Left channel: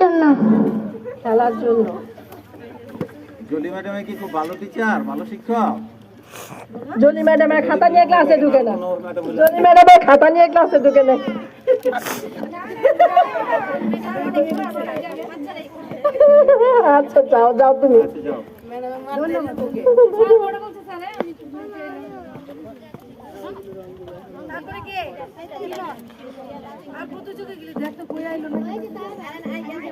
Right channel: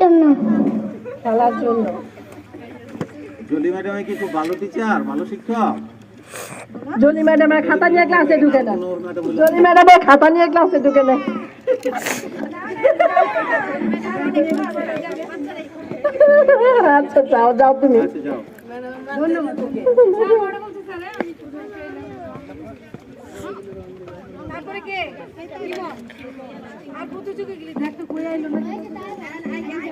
জন্য। খেলার জন্য। জলি ম্যাডাম কি খুব ভালো টিচার, ভালো শিক্ষক? জলি ম্যাডামের খাতা নিয়ে ক্লাসে ঢুকে না। জলি ম্যাডামের খাতা নিয়ে ক্লাসে ঢুকে না। আচ্ছা যাও যাও তুমি।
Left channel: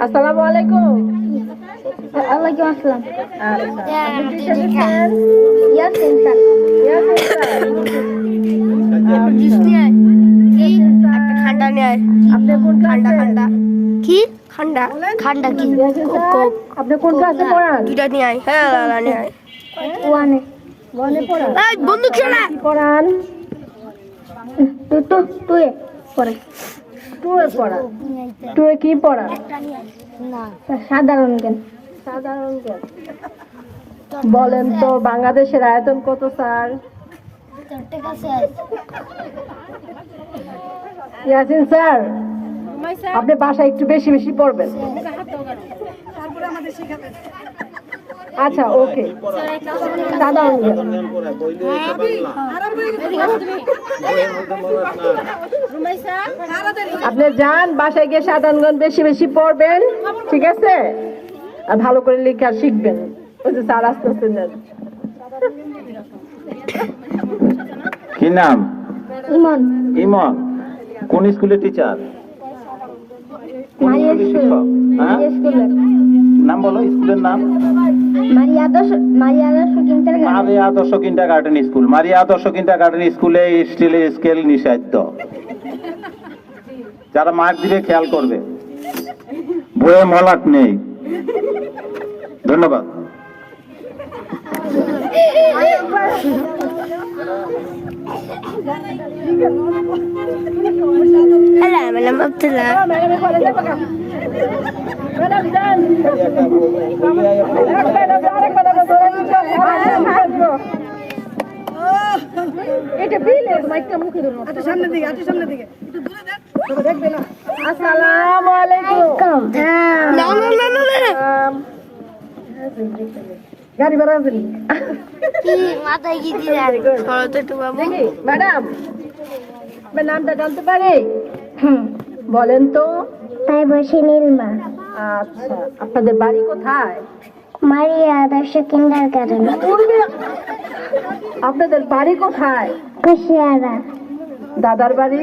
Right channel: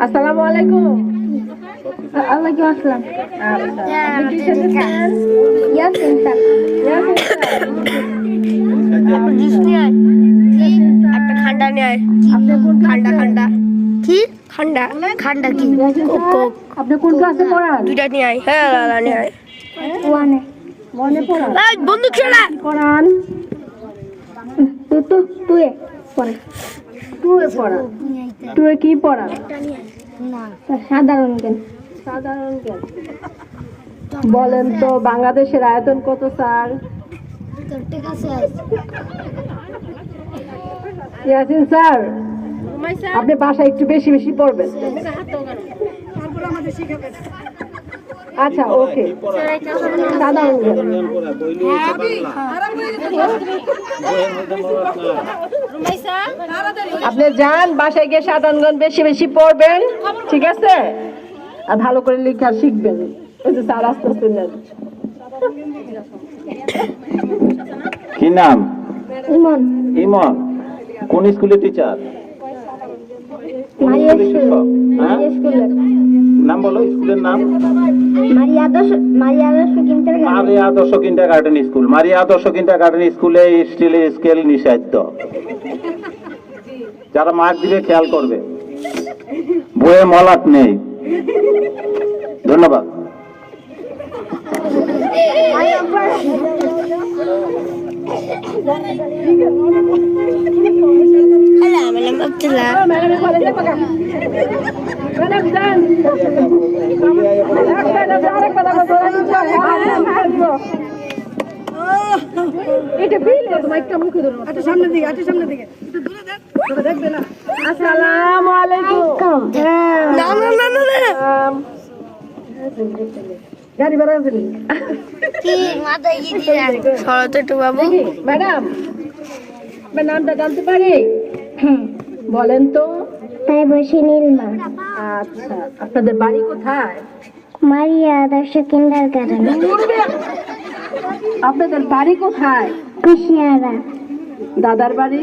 আসসালামু আলাইকুম। ওয়ালাইকুম আসসালাম। একটা খান্ডা নেয়, খান্ডা খান্ডা কি খান্ডা খান্ডা কি কোক আপনি কোন ক্লাসে পড়েন? দুইটা নিয়ে আয়। হ্যাঁ লালা নিয়ে আয়। ওয়ানে মনে পড়া এই বন্দুক ছেড়া পড়ান। টুয়ে পড়ে টুয়ে পড়া। টুয়ে কি পড়া? সাধারণ জ্ঞান। সাধারণ জ্ঞান। বলেন তো বাংলাদেশের আয়তন কত স্যার? ইয়াসিন স্যার, আপনি বাসায় একটু বেশি বেশি পড়বেন। আচ্ছা ওকে। সাধারণ জ্ঞান। আপনি যান বাসায় গিয়ে সাধারণ জ্ঞান বেশি বেশি পড়বেন, ঠিক আছে? আর ভালো করে লেখা শিখবেন। ওই যে স্যার আস্তে আস্তে নেন। কি নাম? ইমন। ইমন। কোন স্কুলের টিচার? মারিয়া শিক্ষক? হ্যাঁ? স্কুলের নাম বলো, স্কুলের নাম? মারিয়া আদর্শ কিন্টারগার্টেন। মারিয়া আদর্শ কিন্ডারগার্টেন স্কুল। মারিয়া আদর্শ কিন্ডারগার্টেন স্কুলে স্টিলের স্কেল নিষিদ্ধ। যারা মার্ক দিবে খেয়াল করবে, বইয়ে মলাট নেই। ধন্যবাদ। হ্যালো, আমার নাম আব্দুল্লাহ। আসসালামু আলাইকুম। না না না না না গাড়ি বেড়া দিলি কি মাথায় কি দিয়া সরো তো একটু বাবু। ম্যাডাম, আপনার নামটা জানতে পারি? বলেন তো। তাই বসে নীলমা। আচ্ছা, আপনাদের বাড়ি কোথায়? মারিয়া আদর্শ কিন্টারগার্টেন। আপনাদের বাড়ি কোথায়? কুশিয়ারা। দাদার বাড়ি?